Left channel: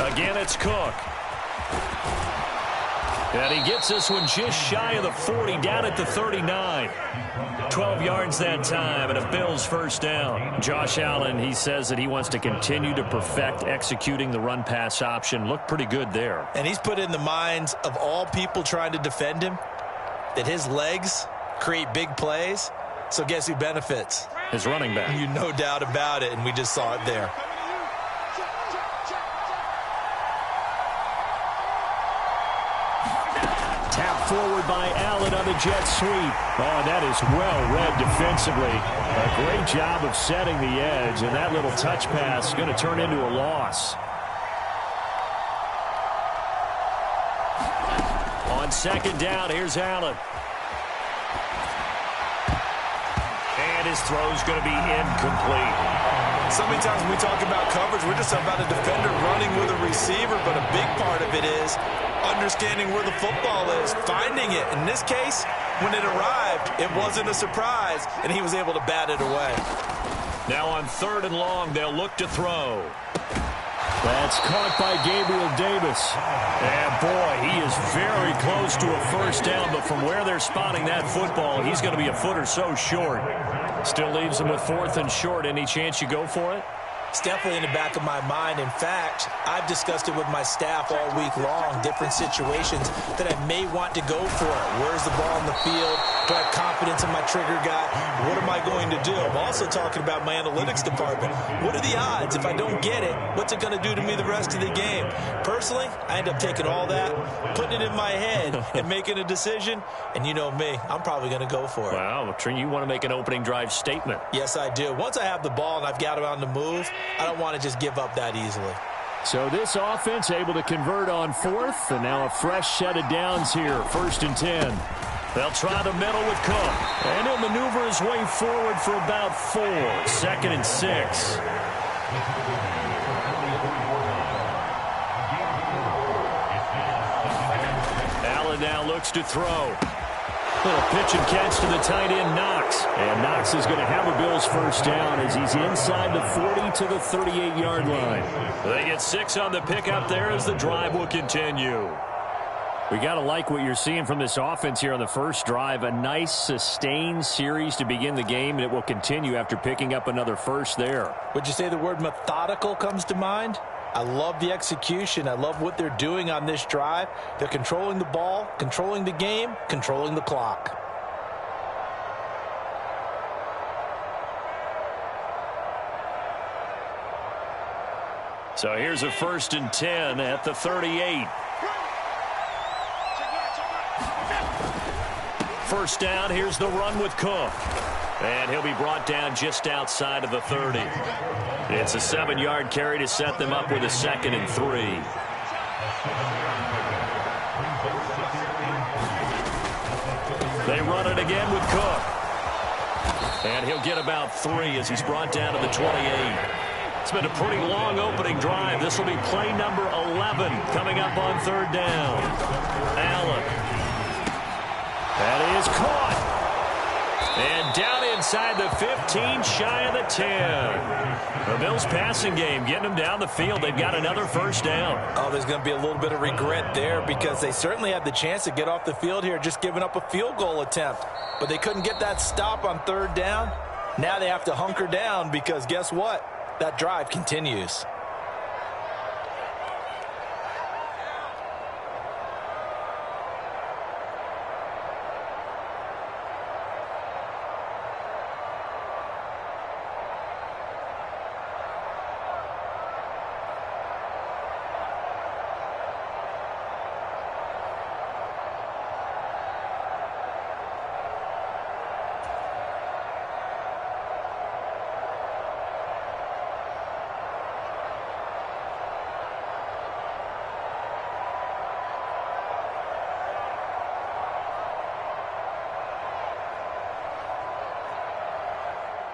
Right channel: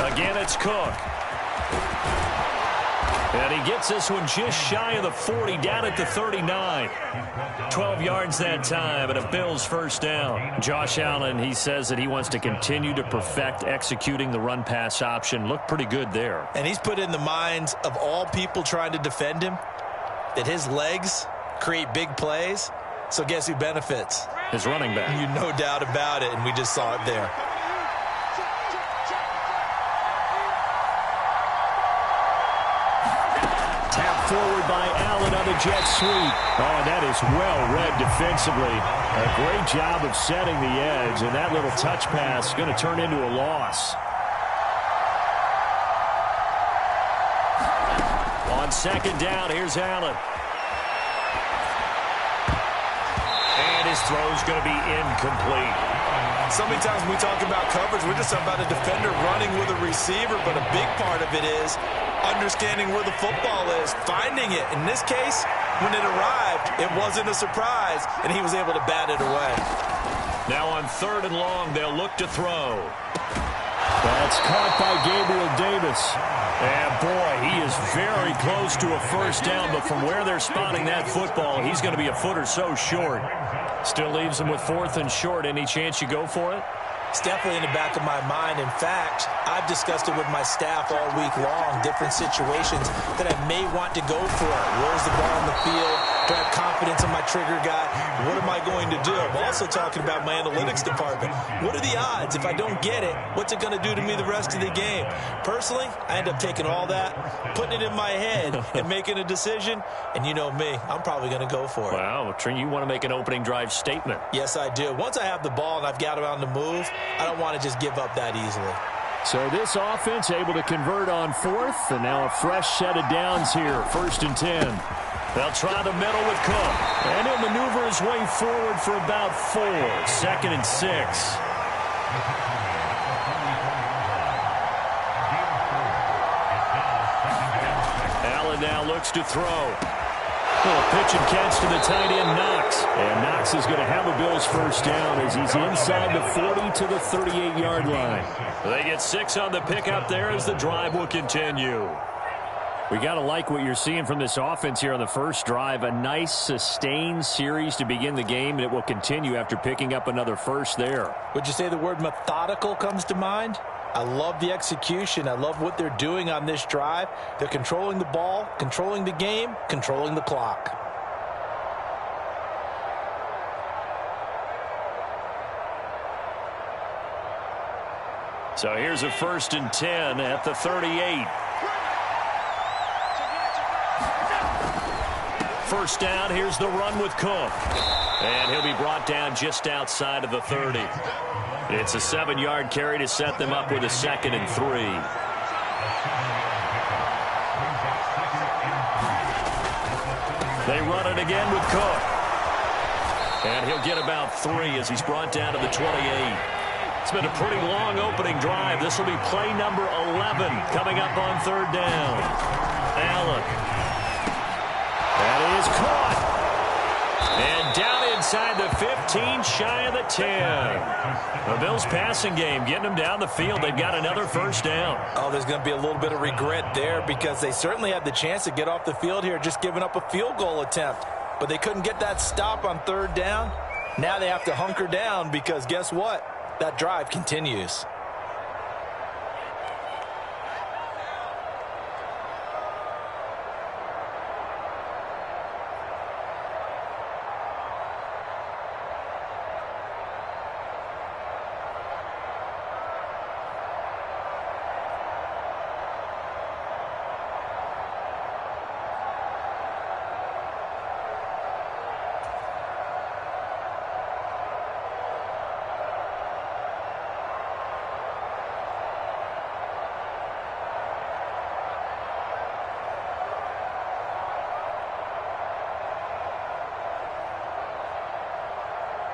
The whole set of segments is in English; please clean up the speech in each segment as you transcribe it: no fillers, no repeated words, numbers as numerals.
Again, it's Cook. And he gets this one just shy of the 40, down at the 39. 12 yards that time, and a Bills first down. Josh Allen, he says that he wants to continue to perfect executing the run-pass option. Looked pretty good there. And he's put in the minds of all people trying to defend him that his legs create big plays. So guess who benefits? His running back. You no doubt about it, and we just saw it there. Tap forward by Allen on the jet sweep. Oh, and that is well read defensively. A great job of setting the edge, and that little touch pass is going to turn into a loss. On second down, here's Allen. And his throw's going to be incomplete. So many times when we talk about coverage, we're just about a defender running with a receiver, but a big part of it is understanding where the football is, finding it. In this case, when it arrived, it wasn't a surprise, and he was able to bat it away. Now on 3rd and long, they'll look to throw. That's caught by Gabriel Davis. And boy, he is very close to a first down, but from where they're spotting that football, he's going to be a foot or so short. Still leaves him with 4th and short. Any chance you go for it? It's definitely in the back of my mind. In fact, I've discussed it with my staff all week long, different situations that I may want to go for it. Where's the ball on the field? Do I have confidence in my trigger guy? What am I going to do? I'm also talking about my analytics department. What are the odds? If I don't get it, what's it going to do to me the rest of the game? Personally, I end up taking all that, putting it in my head, and making a decision. And you know me, I'm probably going to go for it. Wow, Trent, you want to make an opening drive statement. Yes, I do. Once I have the ball and I've got it on the move, I don't want to just give up that easily. So this offense able to convert on 4th, and now a fresh set of downs here, 1st and 10. They'll try the middle with Cook, and he'll maneuver his way forward for about 4, 2nd and 6. Allen now looks to throw. Little pitch and catch to the tight end, Knox. And Knox is going to have a Bills first down as he's inside the 40 to the 38-yard line. They get 6 on the pickup there as the drive will continue. We got to like what you're seeing from this offense here on the first drive. A nice, sustained series to begin the game, and it will continue after picking up another first there. Would you say the word methodical comes to mind? I love the execution. I love what they're doing on this drive. They're controlling the ball, controlling the game, controlling the clock. So here's a 1st and 10 at the 38. First down, here's the run with Cook. And he'll be brought down just outside of the 30. It's a 7-yard carry to set them up with a 2nd and 3. They run it again with Cook. And he'll get about 3 as he's brought down to the 28. It's been a pretty long opening drive. This will be play number 11 coming up on 3rd down. Allen. That is caught. And down inside the 15, shy of the 10. The Bills passing game, getting them down the field. They've got another first down. Oh, there's going to be a little bit of regret there because they certainly had the chance to get off the field here, just giving up a field goal attempt. But they couldn't get that stop on 3rd down. Now they have to hunker down because guess what? That drive continues.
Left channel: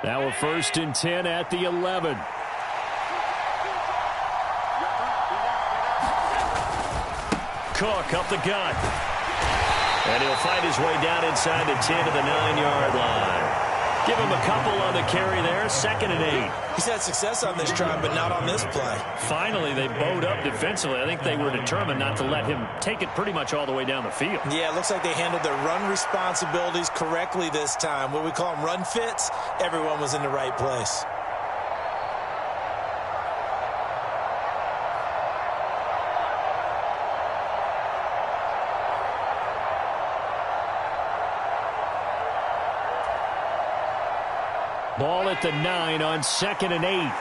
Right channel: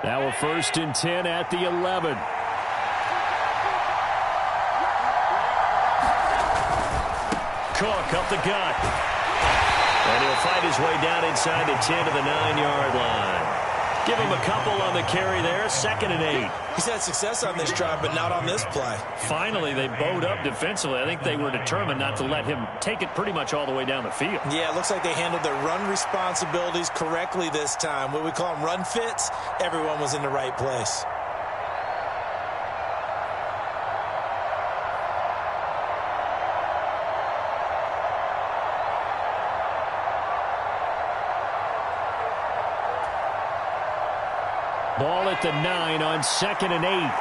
Now a 1st and 10 at the 11. Cook up the gut. And he'll fight his way down inside the 10 to the 9-yard line. Give him a couple on the carry there, 2nd and 8. He's had success on this drive, but not on this play. Finally, they bowed up defensively. I think they were determined not to let him take it pretty much all the way down the field. Yeah, it looks like they handled their run responsibilities correctly this time. What we call them run fits, everyone was in the right place. Ball at the 9 on 2nd and 8.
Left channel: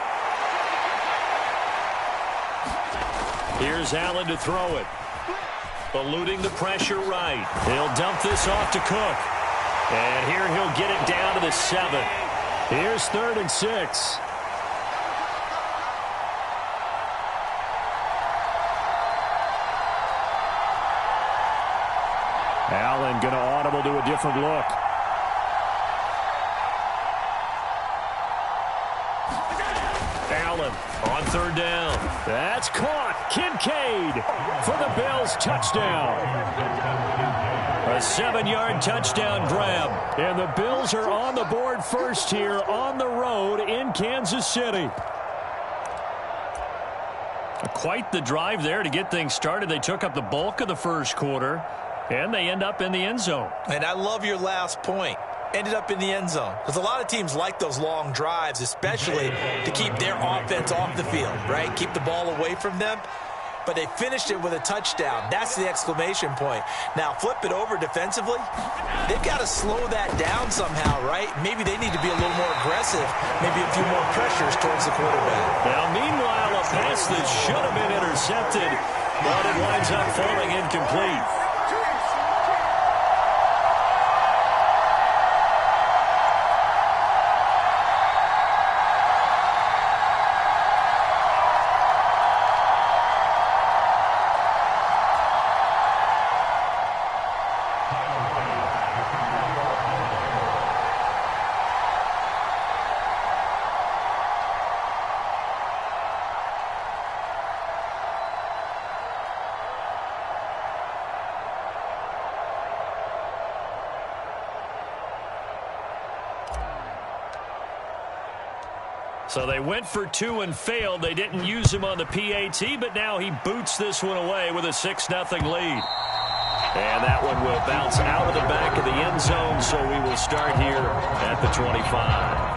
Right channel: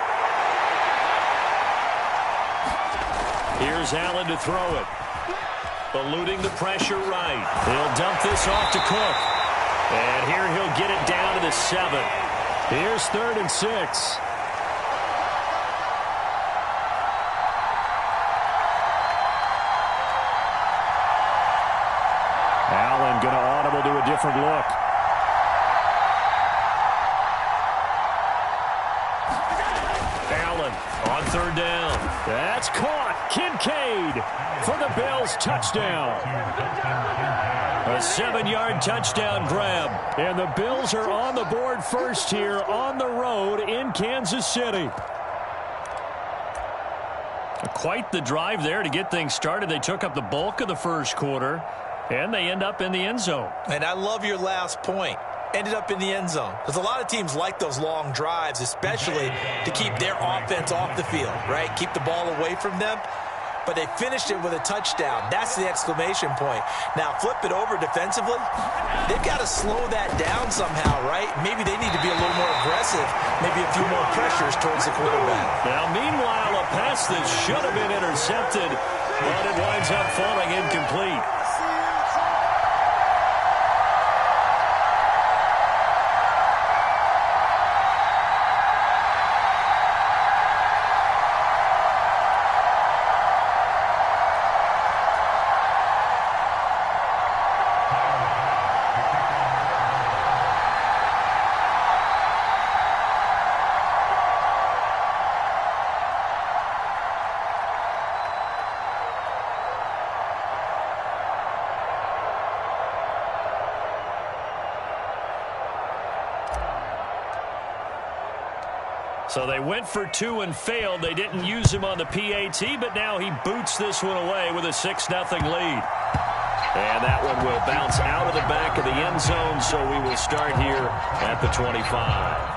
Here's Allen to throw it. Eluding the pressure right. He'll dump this off to Cook. And here he'll get it down to the 7. Here's 3rd and 6. Allen going to audible to a different look. Allen on 3rd down. That's caught. Kincaid for the Bills touchdown. A 7-yard touchdown grab. And the Bills are on the board first here on the road in Kansas City. Quite the drive there to get things started. They took up the bulk of the first quarter, and they end up in the end zone. And I love your last point. Ended up in the end zone. Because a lot of teams like those long drives, especially to keep their offense off the field, right? Keep the ball away from them. But they finished it with a touchdown. That's the exclamation point. Now, flip it over defensively. They've got to slow that down somehow, right? Maybe they need to be a little more aggressive. Maybe a few more pressures towards the quarterback. Now, meanwhile, a pass that should have been intercepted, but it winds up falling incomplete. So they went for 2 and failed. They didn't use him on the PAT, but now he boots this one away with a 6-0 lead. And that one will bounce out of the back of the end zone, so we will start here at the 25.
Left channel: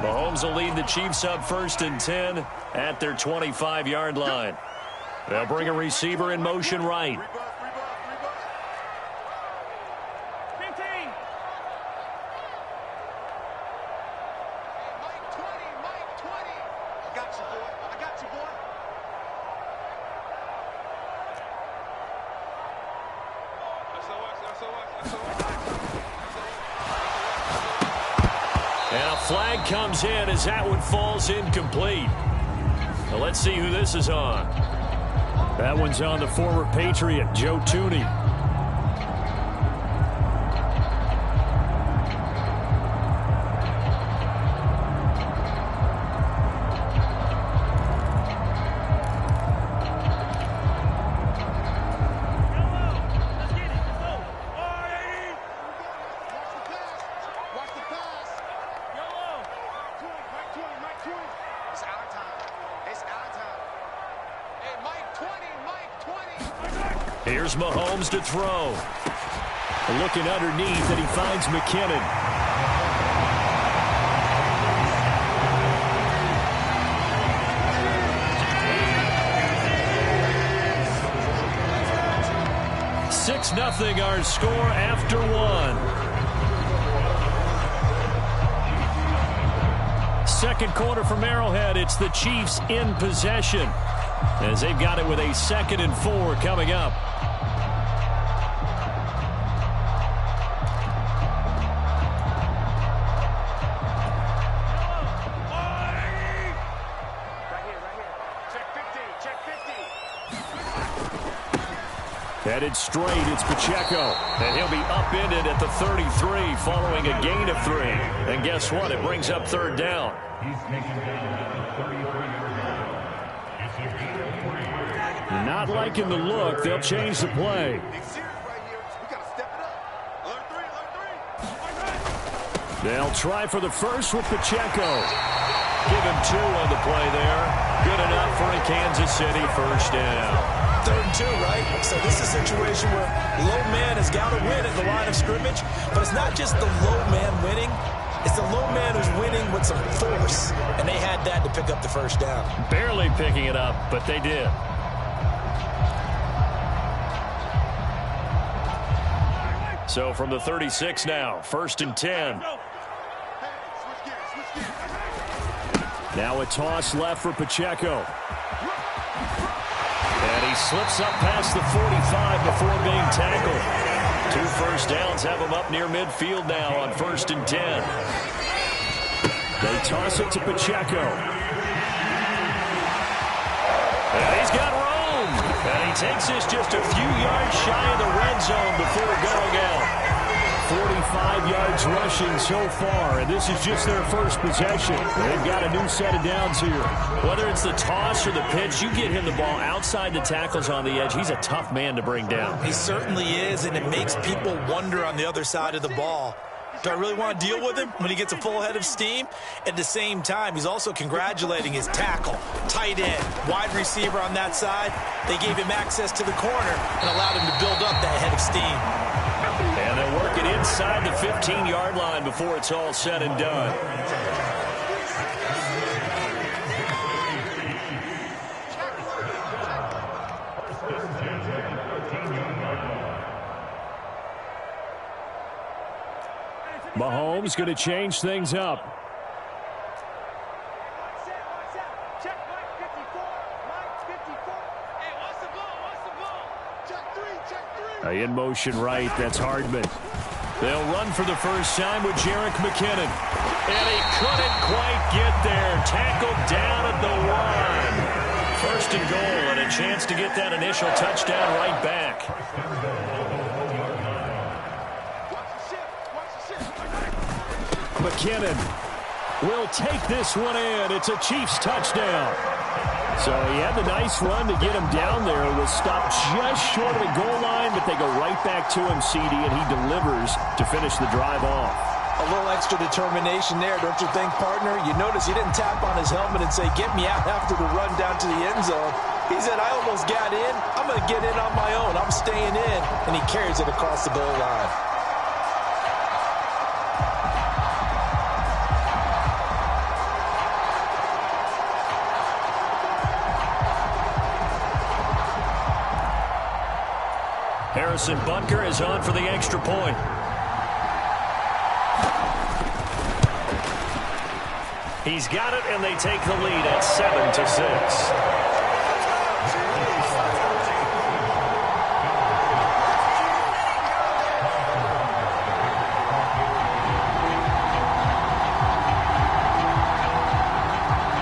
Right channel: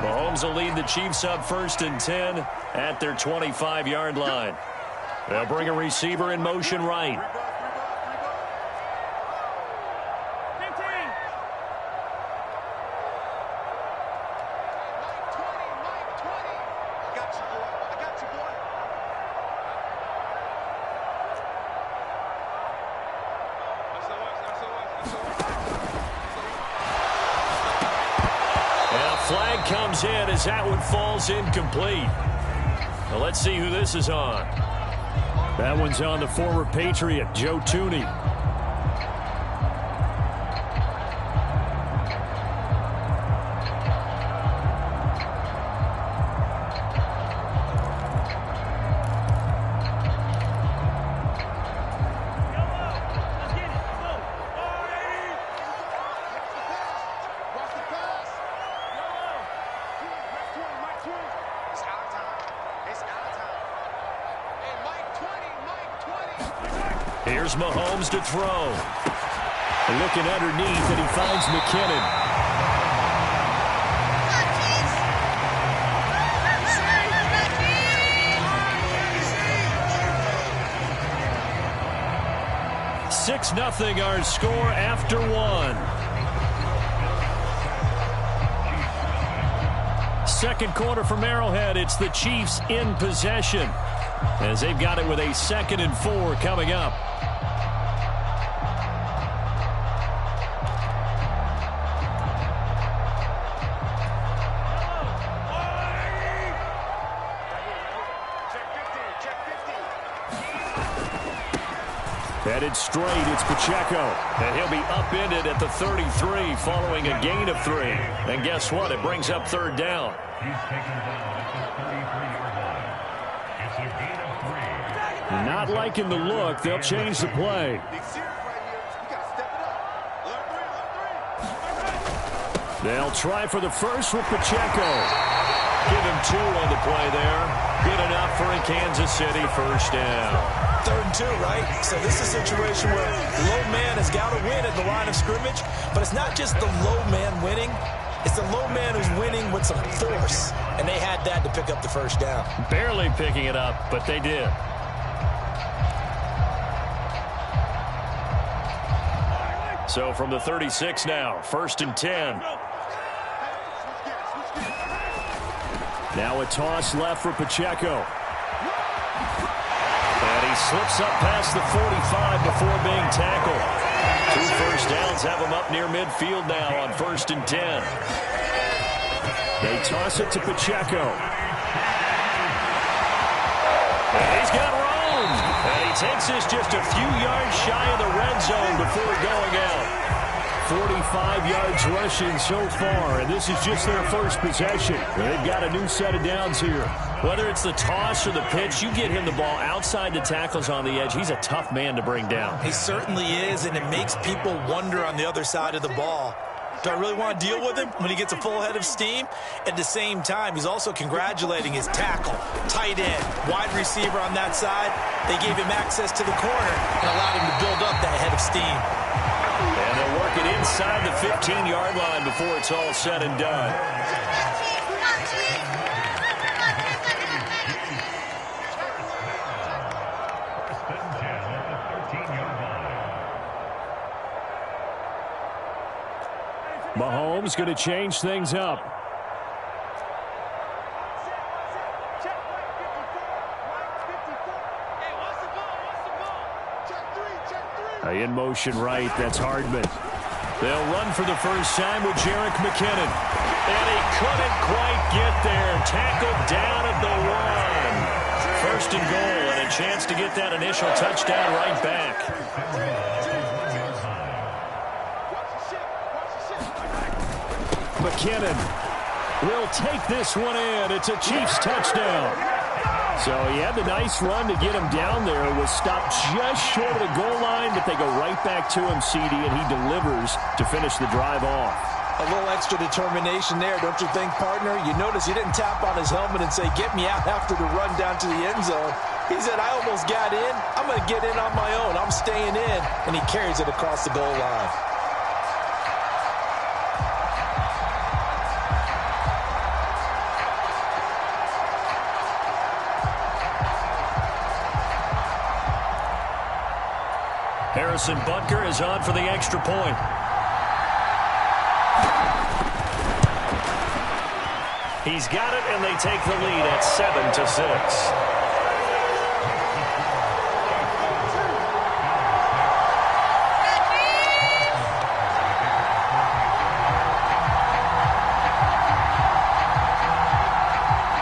Mahomes will lead the Chiefs up 1st and 10 at their 25-yard line. They'll bring a receiver in motion right. Flag comes in as that one falls incomplete. Now let's see who this is on. That one's on the former Patriot, Joe Thuney. Here's Mahomes to throw. Looking underneath, and he finds McKinnon. Six 0 our score after one. Second quarter from Arrowhead. It's the Chiefs in possession, as they've got it with a 2nd and 4 coming up. Check 15. Headed straight, it's Pacheco. And he'll be upended at the 33 following a gain of 3. And guess what? It brings up third down. He's taken down at the 33-yard line. It's a gain of 3. Not liking the look. They'll change the play. They'll try for the first with Pacheco. Give him 2 on the play there. Good enough for a Kansas City first down. 3rd and 2, right? So this is a situation where low man has got to win at the line of scrimmage, but it's not just the low man winning. It's the low man who's winning with some force, and they had that to pick up the first down. Barely picking it up, but they did. So from the 36 now, 1st and 10. Now a toss left for Pacheco. And he slips up past the 45 before being tackled. 2 first downs have him up near midfield now on 1st and 10. They toss it to Pacheco. And he's got room. And he takes this just a few yards shy of the red zone before going out. 45 yards rushing so far, and this is just their first possession. They've got a new set of downs here. Whether it's the toss or the pitch, you get him the ball outside the tackles on the edge. He's a tough man to bring down. He certainly is, and it makes people wonder on the other side of the ball. Do I really want to deal with him when he gets a full head of steam? At the same time, he's also congratulating his tackle, tight end, wide receiver on that side. They gave him access to the corner and allowed him to build up that head of steam. And they'll work it inside the 15-yard line before it's all said and done. Mahomes going to change things up. In motion right, that's Hardman. They'll run for the first time with Jerick McKinnon. And he couldn't quite get there. Tackled down at the 1. 1st and goal, and a chance to get that initial touchdown right back. McKinnon will take this one in. It's a Chiefs touchdown. So he had the nice run to get him down there. Was stopped just short of the goal line, but they go right back to him, CD, and he delivers to finish the drive off. A little extra determination there, don't you think, partner? You notice he didn't tap on his helmet and say, get me out after the run down to the end zone. He said, I almost got in. I'm going to get in on my own. I'm staying in. And he carries it across the goal line. Harrison Butker is on for the extra point. He's got it, and they take the lead at 7-6.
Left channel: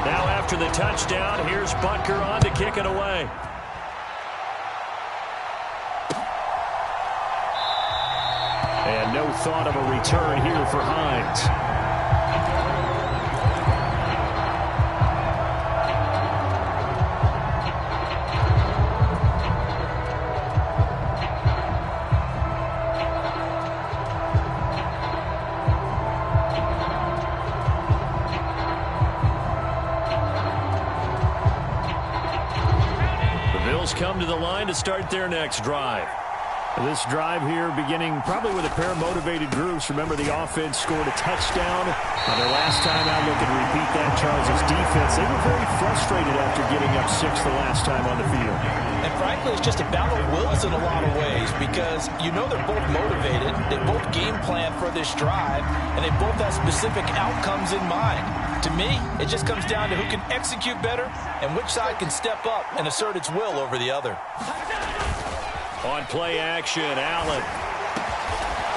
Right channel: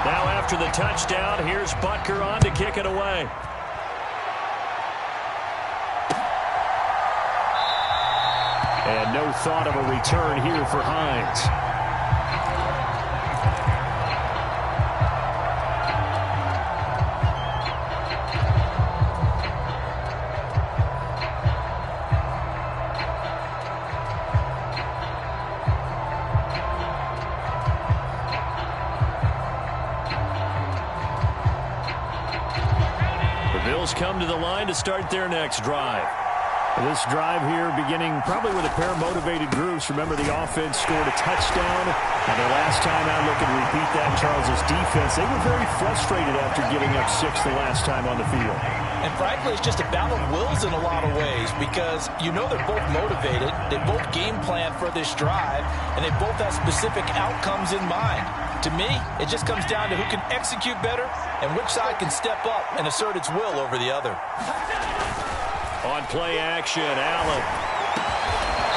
Now after the touchdown, here's Butker on to kick it away. And no thought of a return here for Hines. The Bills come to the line to start their next drive. This drive here beginning probably with a pair of motivated groups. Remember, the offense scored a touchdown on their last time out. Looking to repeat that. Charles's defense, they were very frustrated after getting up 6 the last time on the field. And frankly, it's just a battle of wills in a lot of ways because you know they're both motivated. They both game plan for this drive, and they both have specific outcomes in mind. To me, it just comes down to who can execute better and which side can step up and assert its will over the other. On play action, Allen.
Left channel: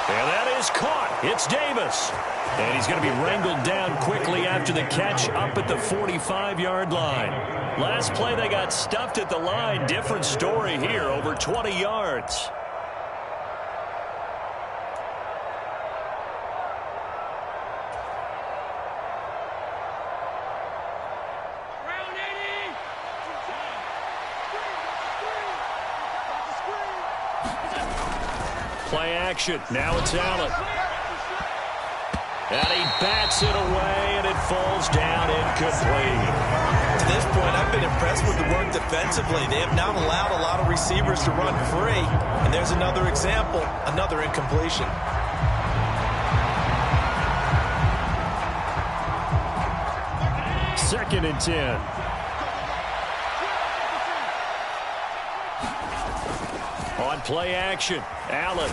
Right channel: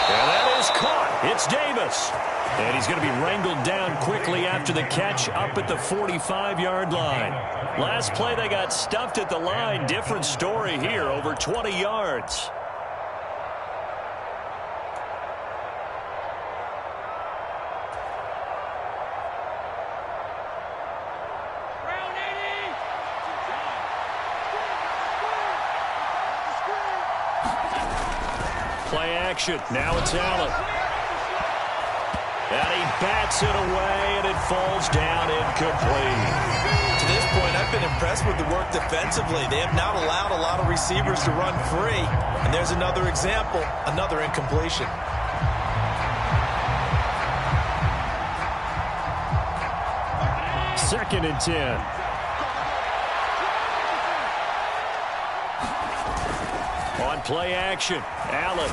And that is caught. It's Davis. And he's going to be wrangled down quickly after the catch up at the 45-yard line. Last play, they got stuffed at the line. Different story here, over 20 yards. Play action. Now it's Allen. And he bats it away, and it falls down incomplete. To this point, I've been impressed with the work defensively. They have not allowed a lot of receivers to run free. And there's another example, another incompletion. Second and 10. On play action, Allen.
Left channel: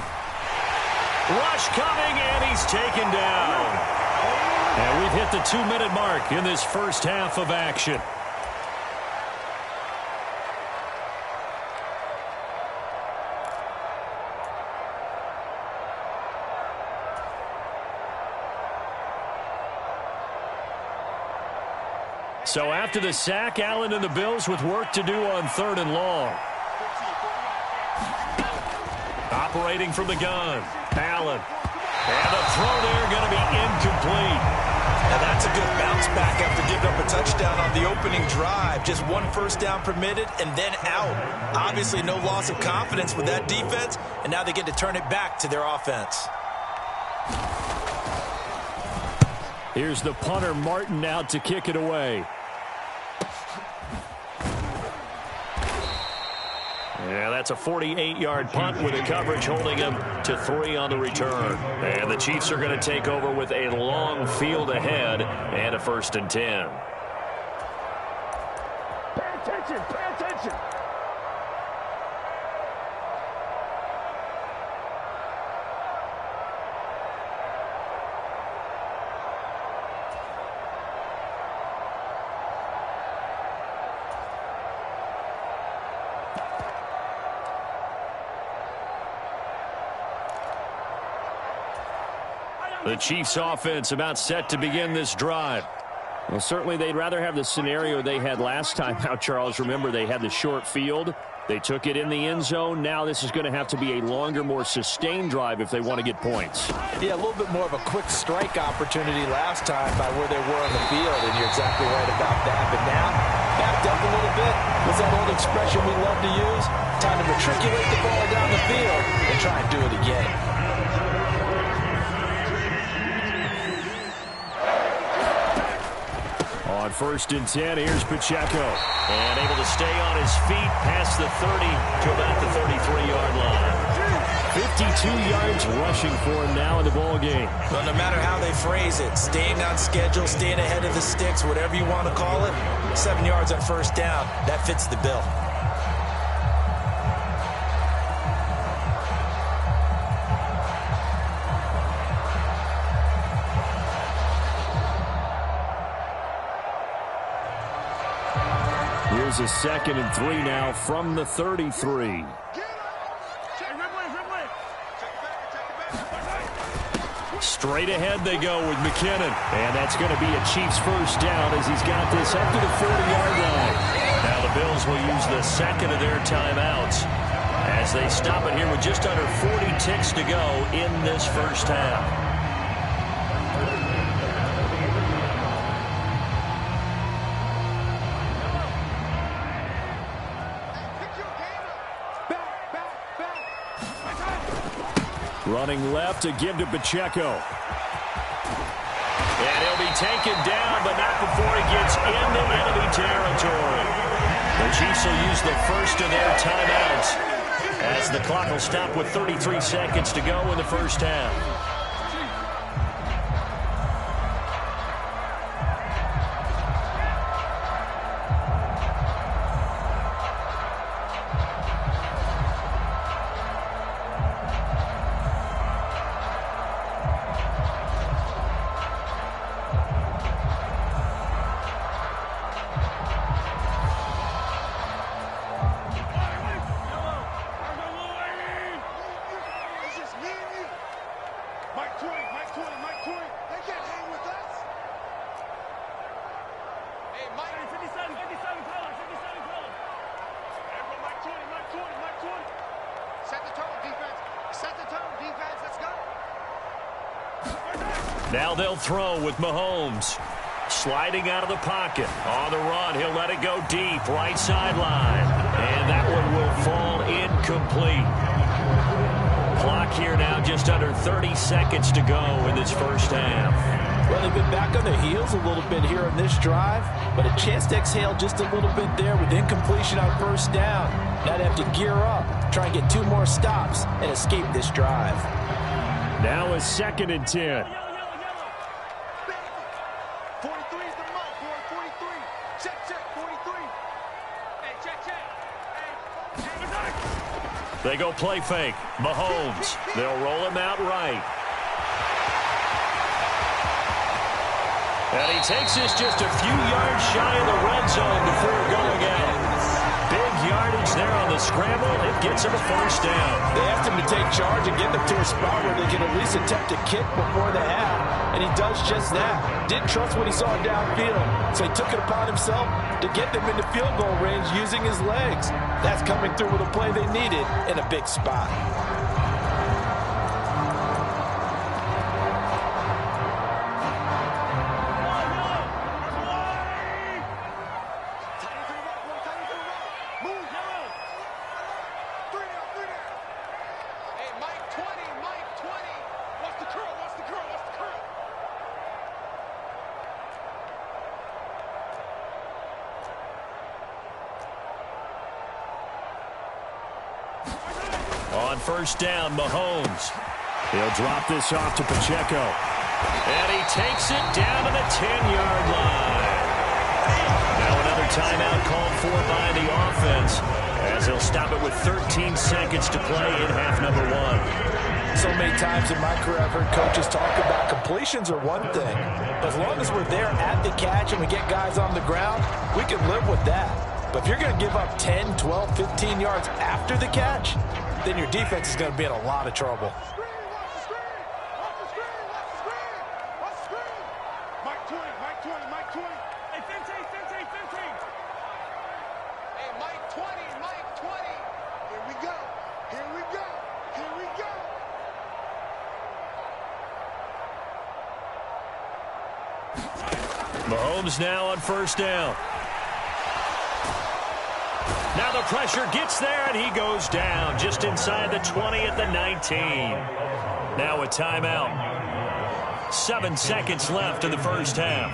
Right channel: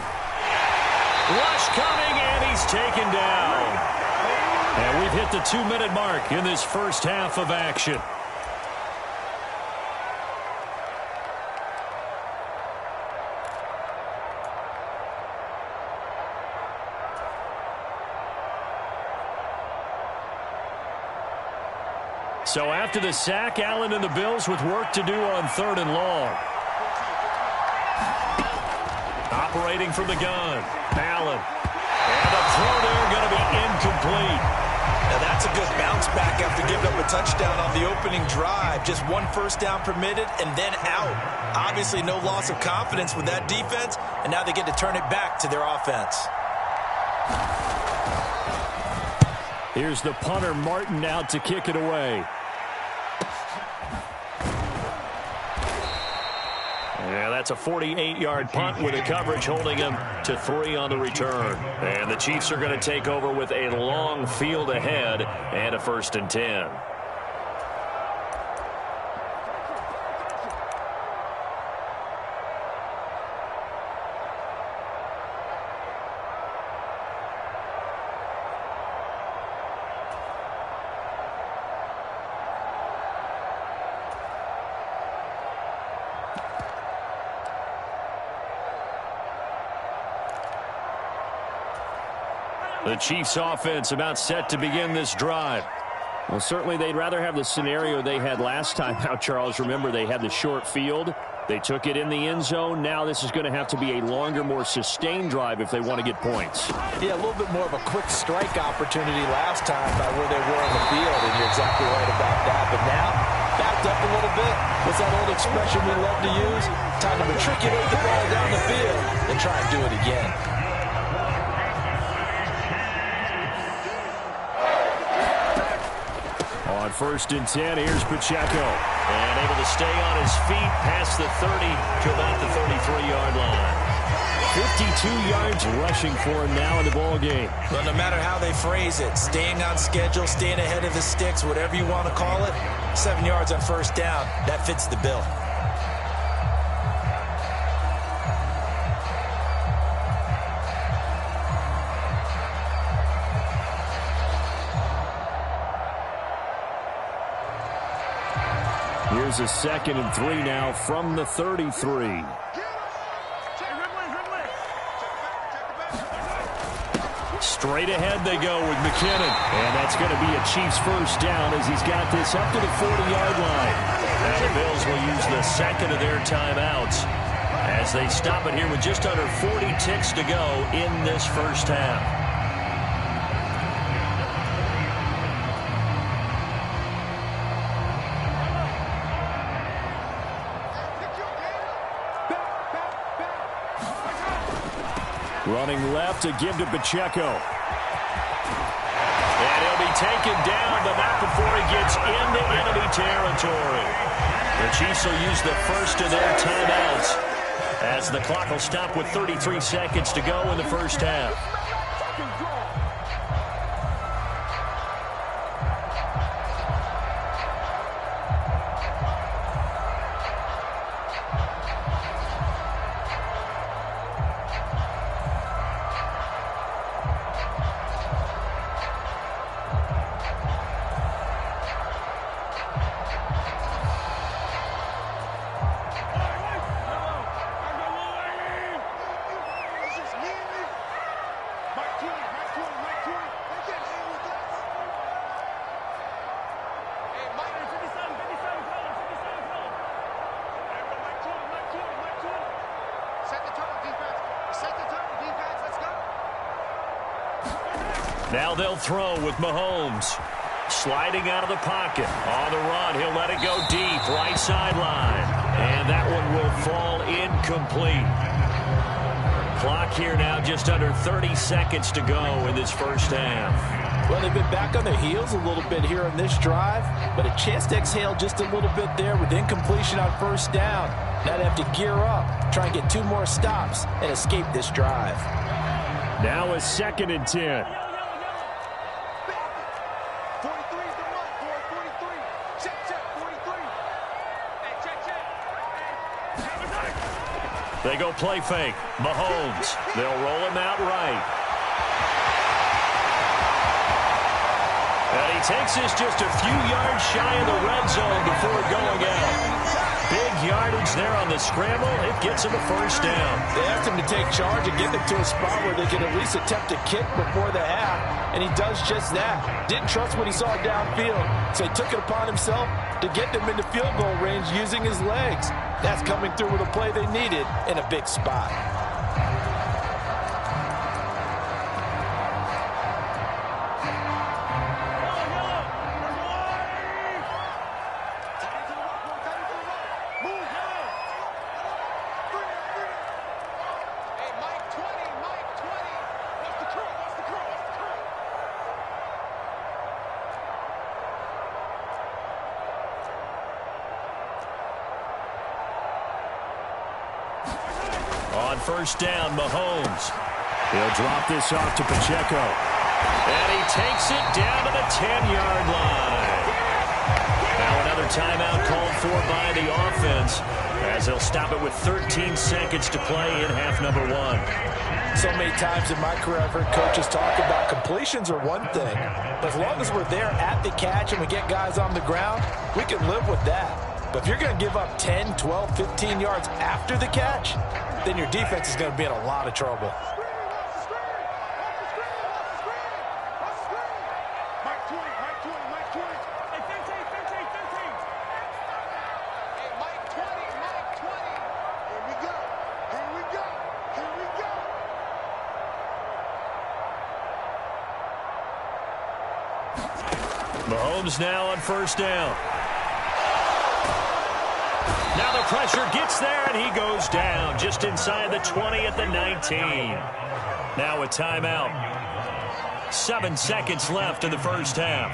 Rush coming, and he's taken down. And we've hit the 2-minute mark in this first half of action. So after the sack, Allen and the Bills with work to do on 3rd and long. Operating from the gun, Allen. And the throw there going to be incomplete. Now that's a good bounce back after giving up a touchdown on the opening drive. Just 1 first down permitted and then out. Obviously no loss of confidence with that defense, and now they get to turn it back to their offense. Here's the punter, Martin, out to kick it away. Yeah, that's a 48-yard punt with the coverage holding him to 3 on the return. And the Chiefs are going to take over with a long field ahead and a 1st and 10. Pay attention, pay attention. The Chiefs offense about set to begin this drive. Well, certainly they'd rather have the scenario they had last time out, Charles. Remember, they had the short field. They took it in the end zone. Now this is going to have to be a longer, more sustained drive if they want to get points. Yeah, a little bit more of a quick strike opportunity last time by where they were on the field, and you're exactly right about that. But now, backed up a little bit. What's that old expression we love to use? Time to matriculate the ball down the field and try and do it again. On 1st and 10, here's Pacheco. And able to stay on his feet past the 30 to about the 33-yard line. 52 yards rushing for him now in the ball game. Well, no matter how they phrase it, staying on schedule, staying ahead of the sticks, whatever you want to call it, 7 yards on 1st down, that fits the bill. Here's a 2nd and 3 now from the 33. Straight ahead they go with McKinnon. And that's going to be a Chiefs 1st down as he's got this up to the 40-yard line. Now the Bills will use the 2nd of their timeouts as they stop it here with just under 40 ticks to go in this first half. Running left to give to Pacheco. And he'll be taken down, but not before he gets into enemy territory. The Chiefs will use the 1st of their timeouts as the clock will stop with 33 seconds to go in the first half. Mike 20, Mike 20, Mike 20. They can't hang with us. Hey, Mike. 57 color, 57 color. Everyone, Mike 20, Mike 20, Mike 20. Set the tone, defense. Set the tone, defense. Let's go. Now they'll throw with Mahomes. Sliding out of the pocket. On the run, he'll let it go deep. Right sideline. And that one will fall incomplete. Clock here now, just under 30 seconds to go in this first half. Well, they've been back on their heels a little bit here on this drive, but a chance to exhale just a little bit there with incompletion on first down. Now they have to gear up, try and get 2 more stops, and escape this drive. Now a 2nd and 10. 43 is the mark, boy. 43. Check, 43. Hey, check. Hey, They go play fake. Mahomes. They'll roll him out right. And he takes this just a few yards shy of the red zone before going out. Big yardage there on the scramble. It gets him a first down. They asked him to take charge and get them to a spot where they can at least attempt a kick before the half, and he does just that. Didn't trust what he saw downfield, so he took it upon himself to get them into field goal range using his legs. That's coming through with a play they needed in a big spot. On first down, Mahomes. He'll drop this off to Pacheco. And he takes it down to the 10-yard line. Now another timeout called for by the offense, as they'll stop it with 13 seconds to play in half number 1. So many times in my career I've heard coaches talk about completions are one thing, but as long as we're there at the catch and we get guys on the ground, we can live with that. But if you're going to give up 10, 12, 15 yards after the catch, then your defense is going to be in a lot of trouble. Mike 20, Mike 20, Mike 20. Hey, 15. Hey, Mike 20, Mike 20. Here we go. Mahomes now on first down. Now the pressure gets there, and he goes down just inside the 20 at the 19. Now a timeout. 7 seconds left in the first half.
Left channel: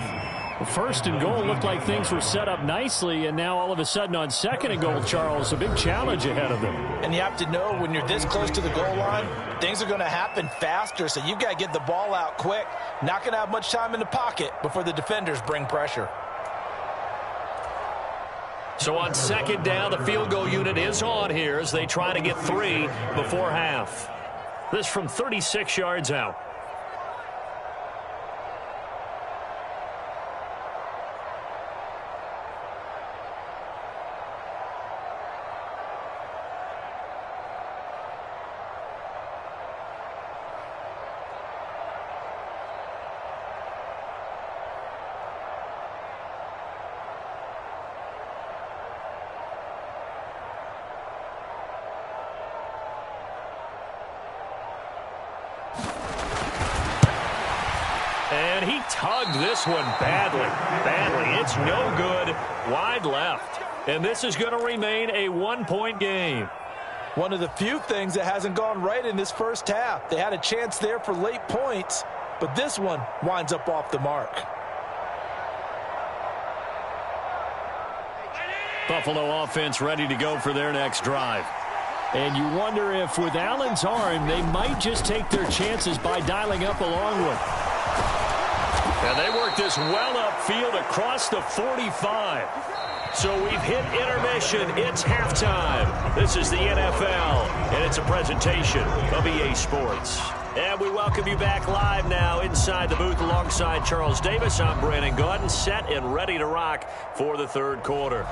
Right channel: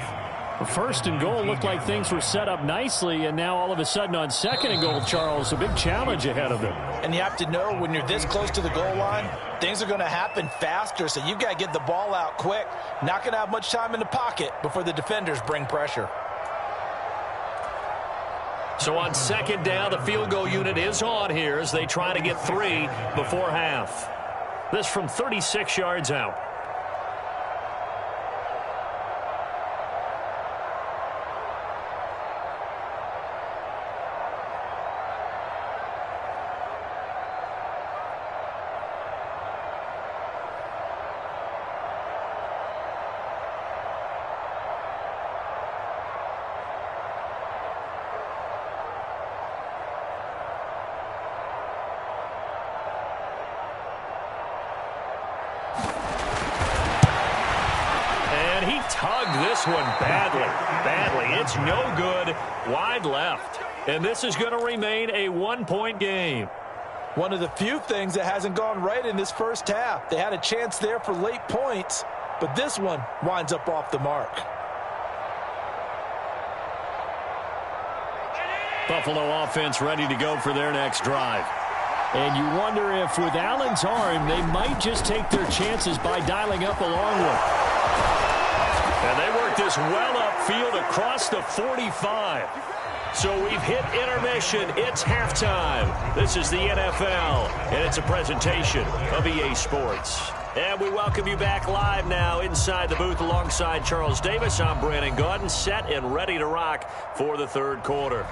First and goal looked like things were set up nicely, and now all of a sudden on 2nd and goal, Charles, a big challenge ahead of them. And you have to know when you're this close to the goal line, things are going to happen faster, so you've got to get the ball out quick. Not going to have much time in the pocket before the defenders bring pressure. So on 2nd down, the field goal unit is on here as they try to get 3 before half. This from 36 yards out. And he tugged this one badly. It's no good. Wide left. And this is going to remain a 1-point game. One of the few things that hasn't gone right in this first half. They had a chance there for late points, but this one winds up off the mark. Buffalo offense ready to go for their next drive. And you wonder if with Allen's arm, they might just take their chances by dialing up a long one. And they work this well upfield across the 45. So we've hit intermission. It's halftime. This is the NFL, and it's a presentation of EA Sports. And we welcome you back live now inside the booth alongside Charles Davis. I'm Brandon Gaudin, set and ready to rock for the third quarter.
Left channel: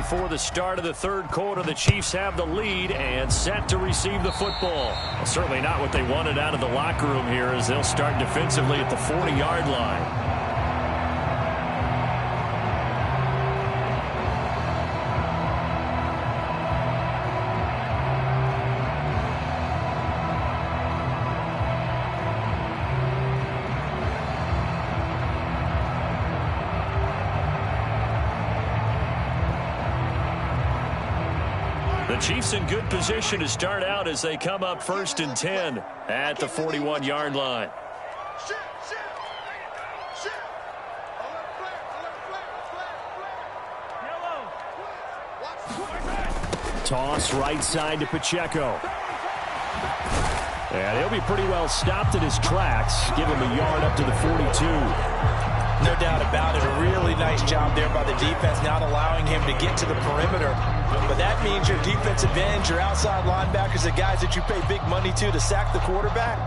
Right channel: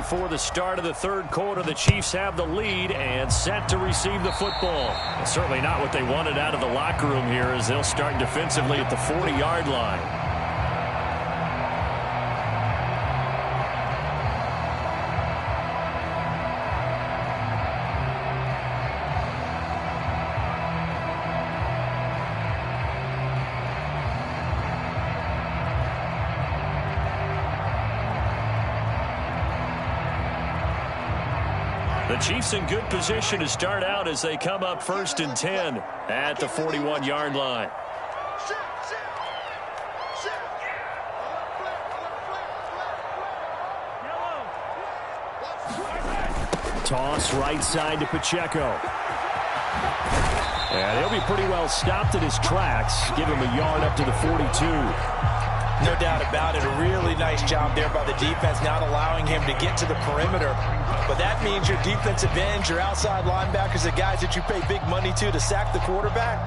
before the start of the third quarter. The Chiefs have the lead and set to receive the football. Well, certainly not what they wanted out of the locker room here, as they'll start defensively at the 40-yard line. The Chiefs in good position to start out as they come up 1st and 10 at the 41-yard line. Toss right side to Pacheco. And he'll be pretty well stopped in his tracks. Give him a yard up to the 42. No doubt about it. A really nice job there by the defense, not allowing him to get to the perimeter. But that means your defensive ends, your outside linebackers, the guys that you pay big money to sack the quarterback,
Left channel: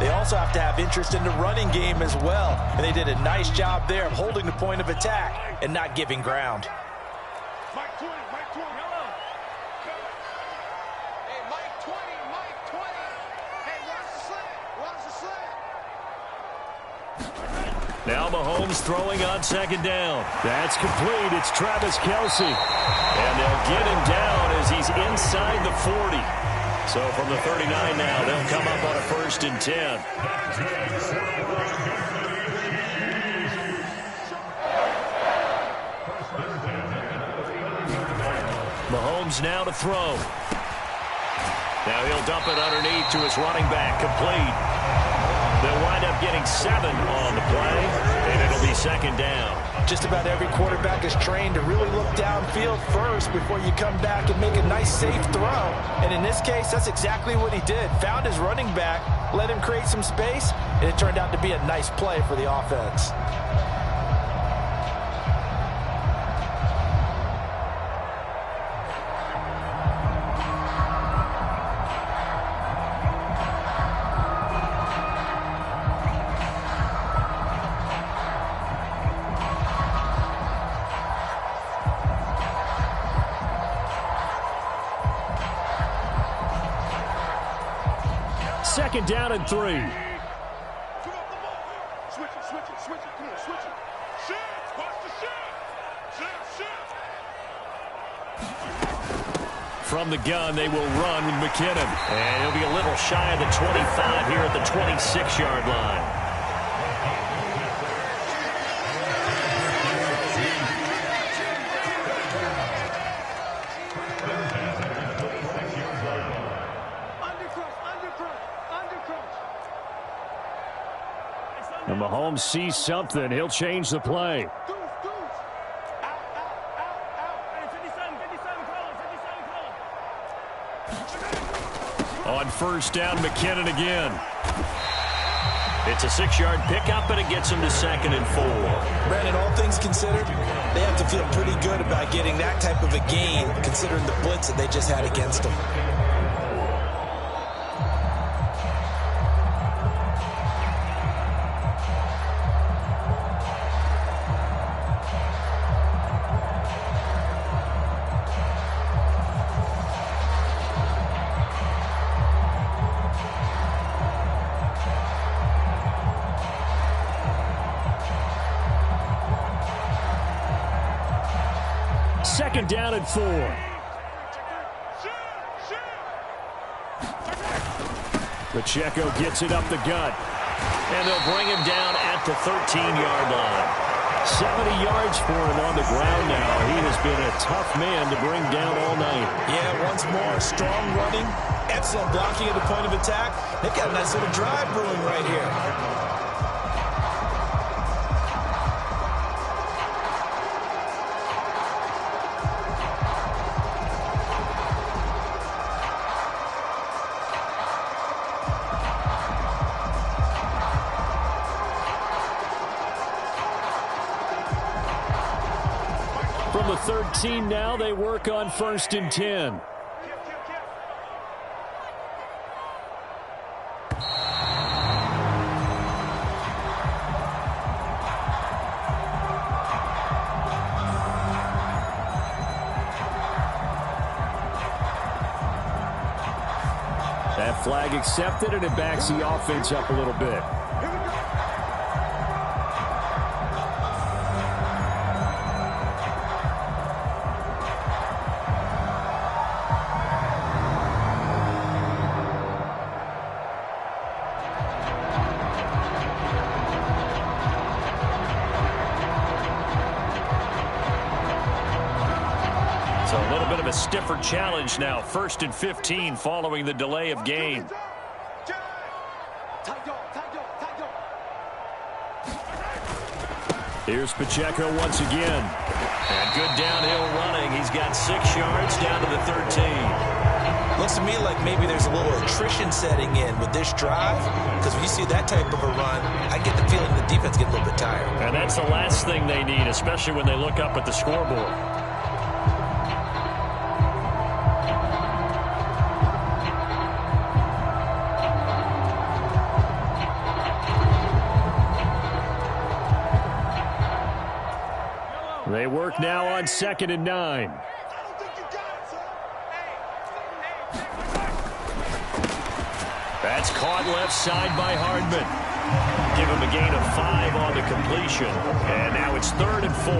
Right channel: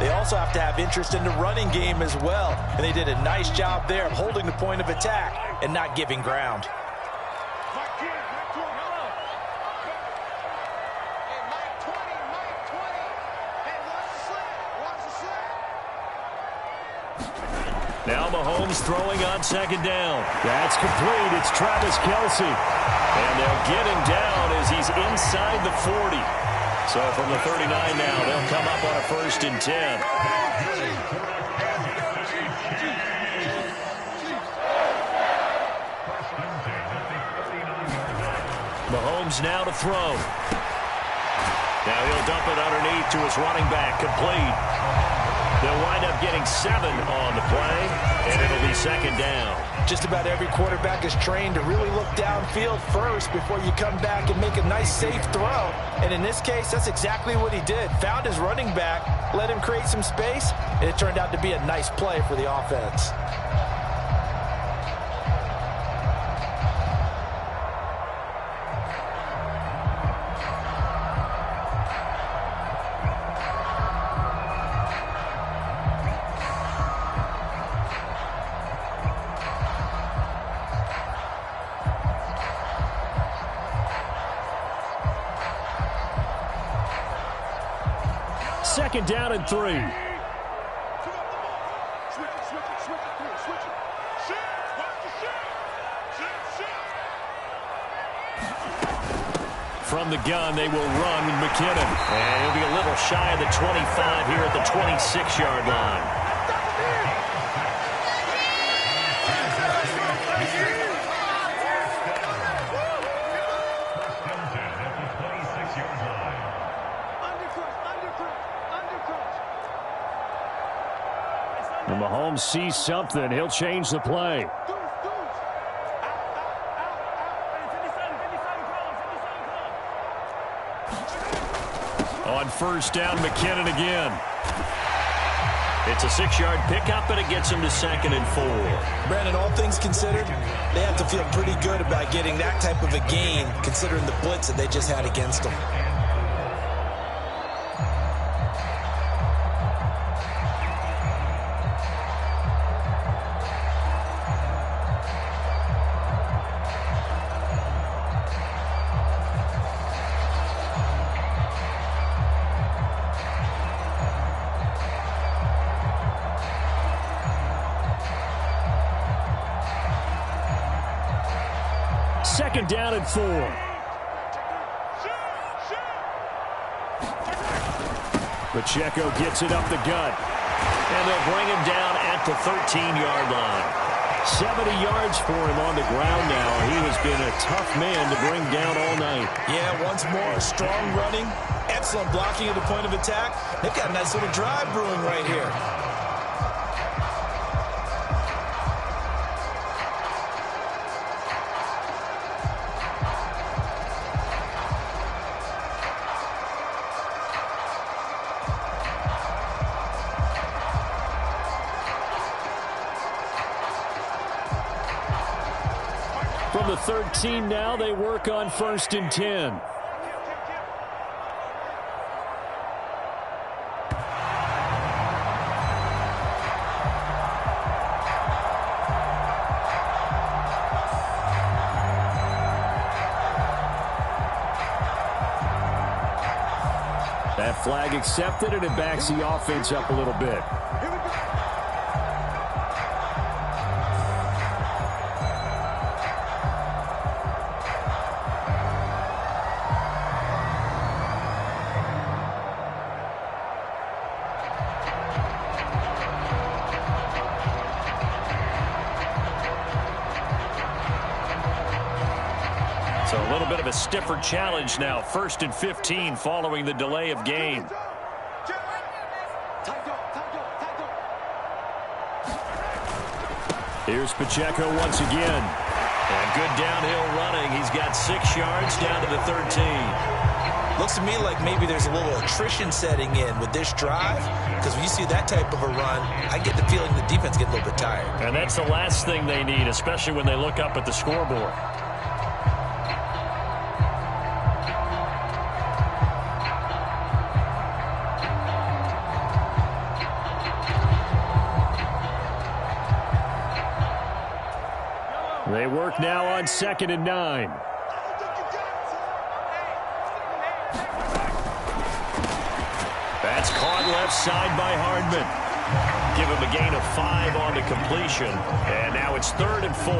they also have to have interest in the running game as well. And they did a nice job there of holding the point of attack and not giving ground. Mike 20, Mike 20. Yellow. Hey, Mike 20, Mike 20. Hey, watch the slant. Watch the slant. Now Mahomes throwing on 2nd down. That's complete. It's Travis Kelce. And they'll get him down as he's inside the 40. So from the 39 now, they'll come up on a 1st and 10. Mahomes now to throw. Now he'll dump it underneath to his running back. Complete. They'll wind up getting 7 on the play, and it'll be 2nd down. Just about every quarterback is trained to really look downfield first before you come back and make a nice, safe throw. And in this case, that's exactly what he did. Found his running back, let him create some space, and it turned out to be a nice play for the offense. Second down and 3. Switch it, switch it, switch it, come on, switch it. Shift, watch the shift. Shift. From the gun, they will run with McKinnon. And he'll be a little shy of the 25 here at the 26-yard line. And Mahomes sees something. He'll change the play. On 1st down, McKinnon again. It's a 6-yard pickup, and it gets him to 2nd and 4. Brandon, all things considered, they have to feel pretty good about getting that type of a gain, considering the blitz that they just had against them. Second down and 4. Pacheco gets it up the gut. And they'll bring him down at the 13-yard line. 70 yards for him on the ground now. He has been a tough man to bring down all night. Yeah, once more, strong running, excellent blocking at the point of attack. They've got a nice little drive brewing right here. From the 13 now, they work on 1st and 10. flag accepted, and it backs the offense up a little bit. Here we go. So a little bit of a stiffer challenge now. 1st and 15 following the delay of game. Here's Pacheco once again. And good downhill running. He's got 6 yards down to the 13. Looks to me like maybe there's a little attrition setting in with this drive, because when you see that type of a run, I get the feeling the defense gets a little bit tired. And that's the last thing they need, especially when they look up at the scoreboard. They work now on 2nd and 9. That's caught left side by Hardman. Give him a gain of 5 on the completion. And now it's 3rd and 4.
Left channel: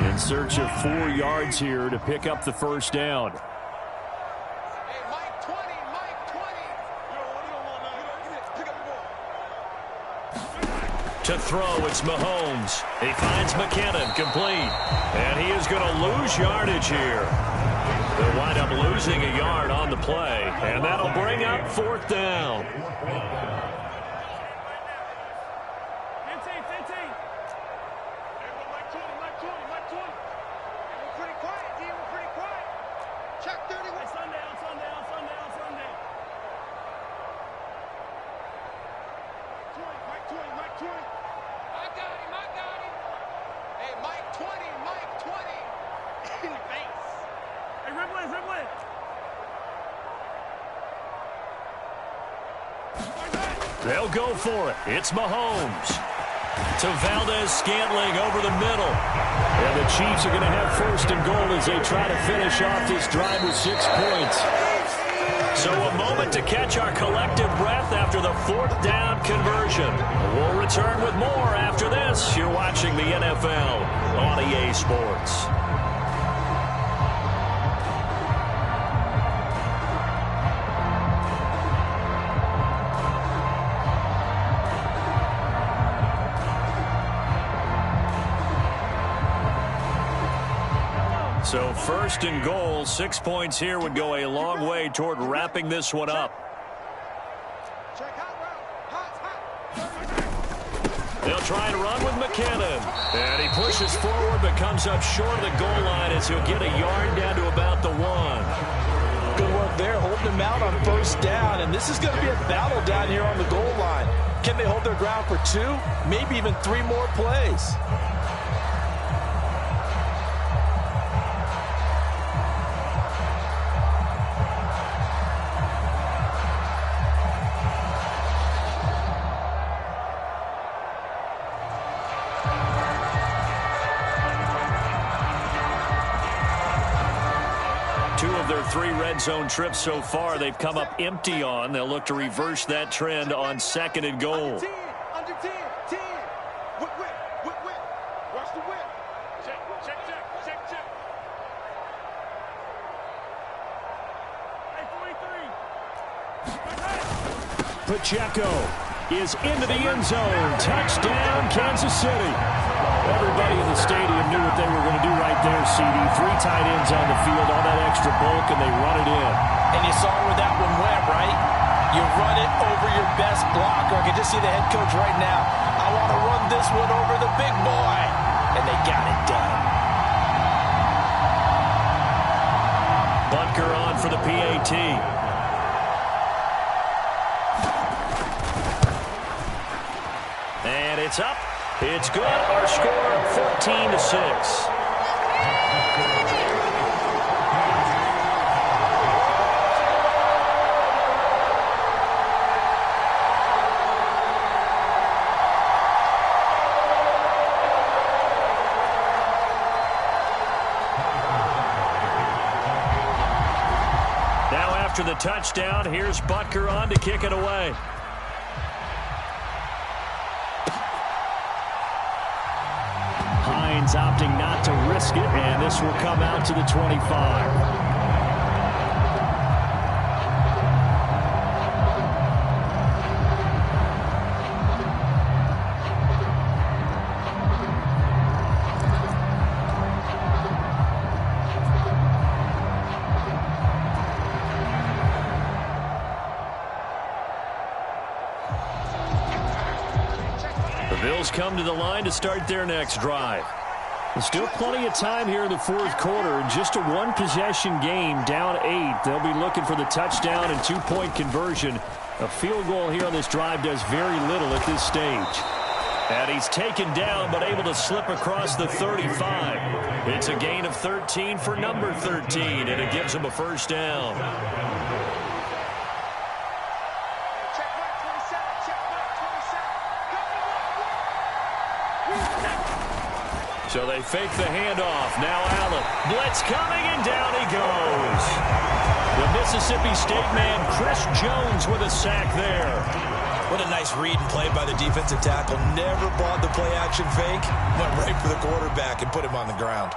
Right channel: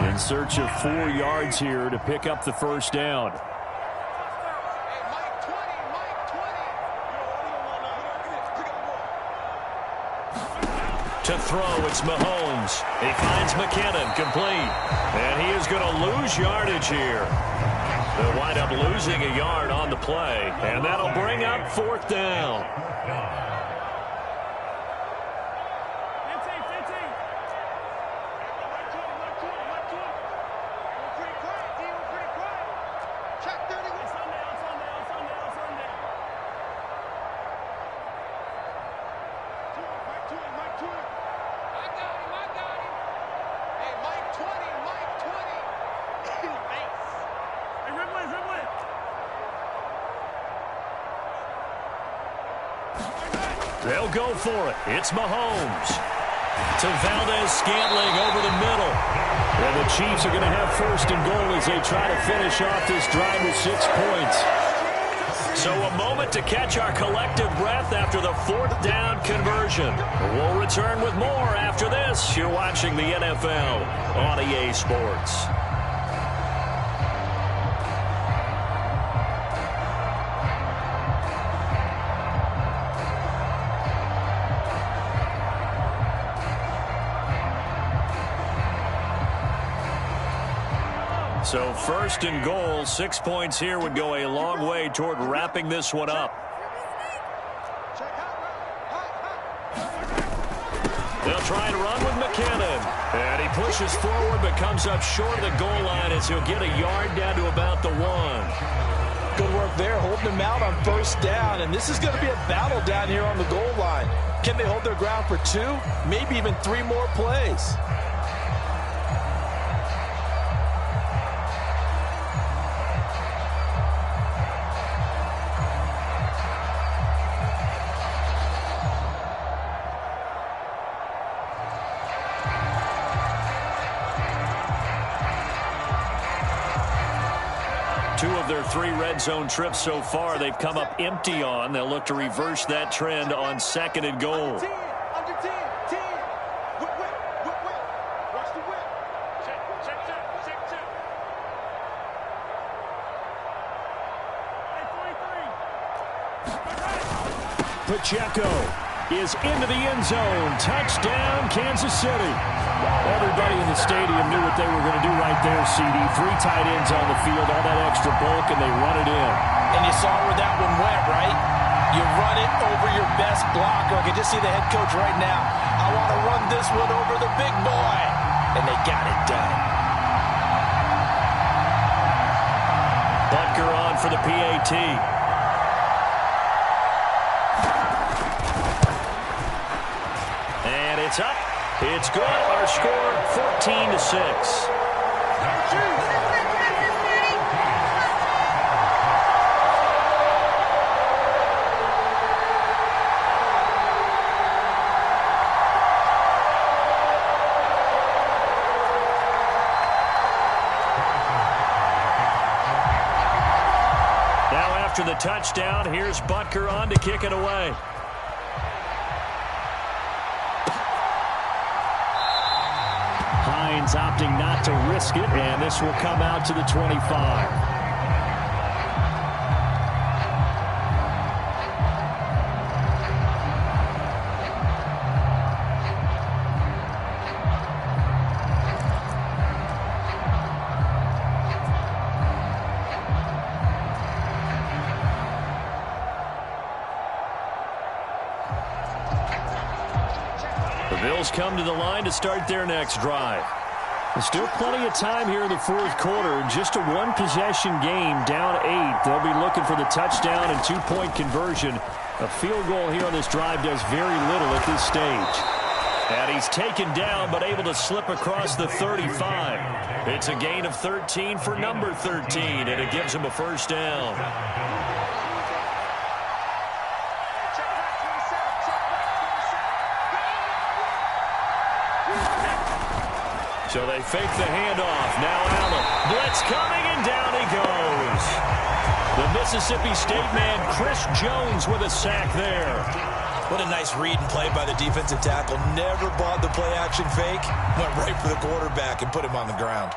In search of 4 yards here to pick up the first down. Hey, Mike 20, Mike 20. To throw, it's Mahomes. He finds McKinnon, complete. And he is going to lose yardage here. They'll wind up losing a yard on the play. And that'll bring up 4th down. 15. Everyone, Mike 20, Mike 20, Mike 20. Hey, we're pretty quiet, D. We're pretty quiet. Check 31. Hey, Sunday. Mike 20, Mike 20. I got him. Hey, Mike 20, Mike 20. In the face. Hey, Riblet. They'll go for it. It's Mahomes. To Valdez-Scantling over the middle. And the Chiefs are going to have 1st and goal as they try to finish off this drive with 6 points. So a moment to catch our collective breath after the 4th down conversion. We'll return with more after this. You're watching the NFL on EA Sports. So 1st and goal, 6 points here would go a long way toward wrapping this one up. Check hot. They'll try and run with McKinnon. And he pushes forward but comes up short of the goal line as he'll get a yard down to about the 1. Good work there, holding them out on 1st down. And this is going to be a battle down here on the goal line. Can they hold their ground for 2, maybe even 3 more plays? Two of their 3 red zone trips so far they've come up empty on. They'll look to reverse that trend on 2nd and goal. Under 10. Whip. Watch the whip. Check. Hey, 43. Pacheco is into the end zone. Touchdown, Kansas City. Everybody in the stadium knew what they were going to do right there, CD. 3 tight ends on the field, all that extra bulk, and they run it in. And you saw where that one went, right? You run it over your best blocker. I can just see the head coach right now. I want to run this one over the big boy. And they got it done. Butker on for the PAT. And it's up. It's good. Our score, 14-6. Now after the touchdown, here's Butker on to kick it away. Hines opting not to risk it, and this will come out to the 25. The Bills come to the line to start their next drive. There's still plenty of time here in the fourth quarter. Just a one-possession game, down 8. They'll be looking for the touchdown and two-point conversion. A field goal here on this drive does very little at this stage. And he's taken down, but able to slip across the 35. It's a gain of 13 for number 13, and it gives him a first down. So they fake the handoff. Now Allen. Blitz coming, and down he goes. The Mississippi State man, Chris Jones, with a sack there. What a nice read and play by the defensive tackle. Never bought the play-action fake. Went right for the quarterback and put him on the ground.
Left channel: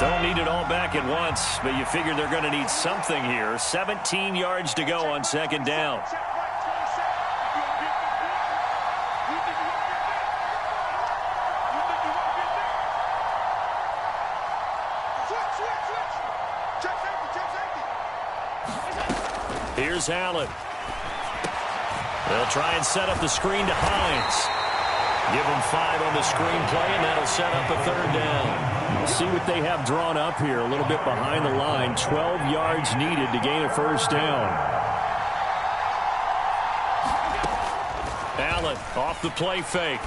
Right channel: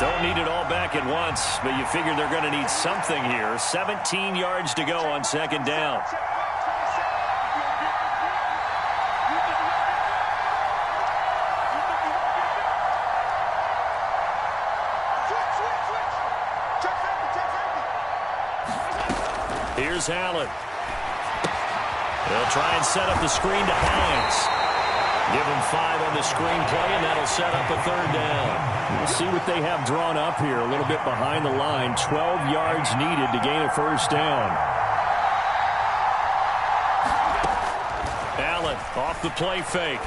Don't need it all back at once, but you figure they're going to need something here. 17 yards to go on second down. Here's Allen. They'll try and set up the screen to Hines. Give him 5 on the screenplay, and that'll set up a third down. We'll see what they have drawn up here. A little bit behind the line. 12 yards needed to gain a first down. Allen off the play fake.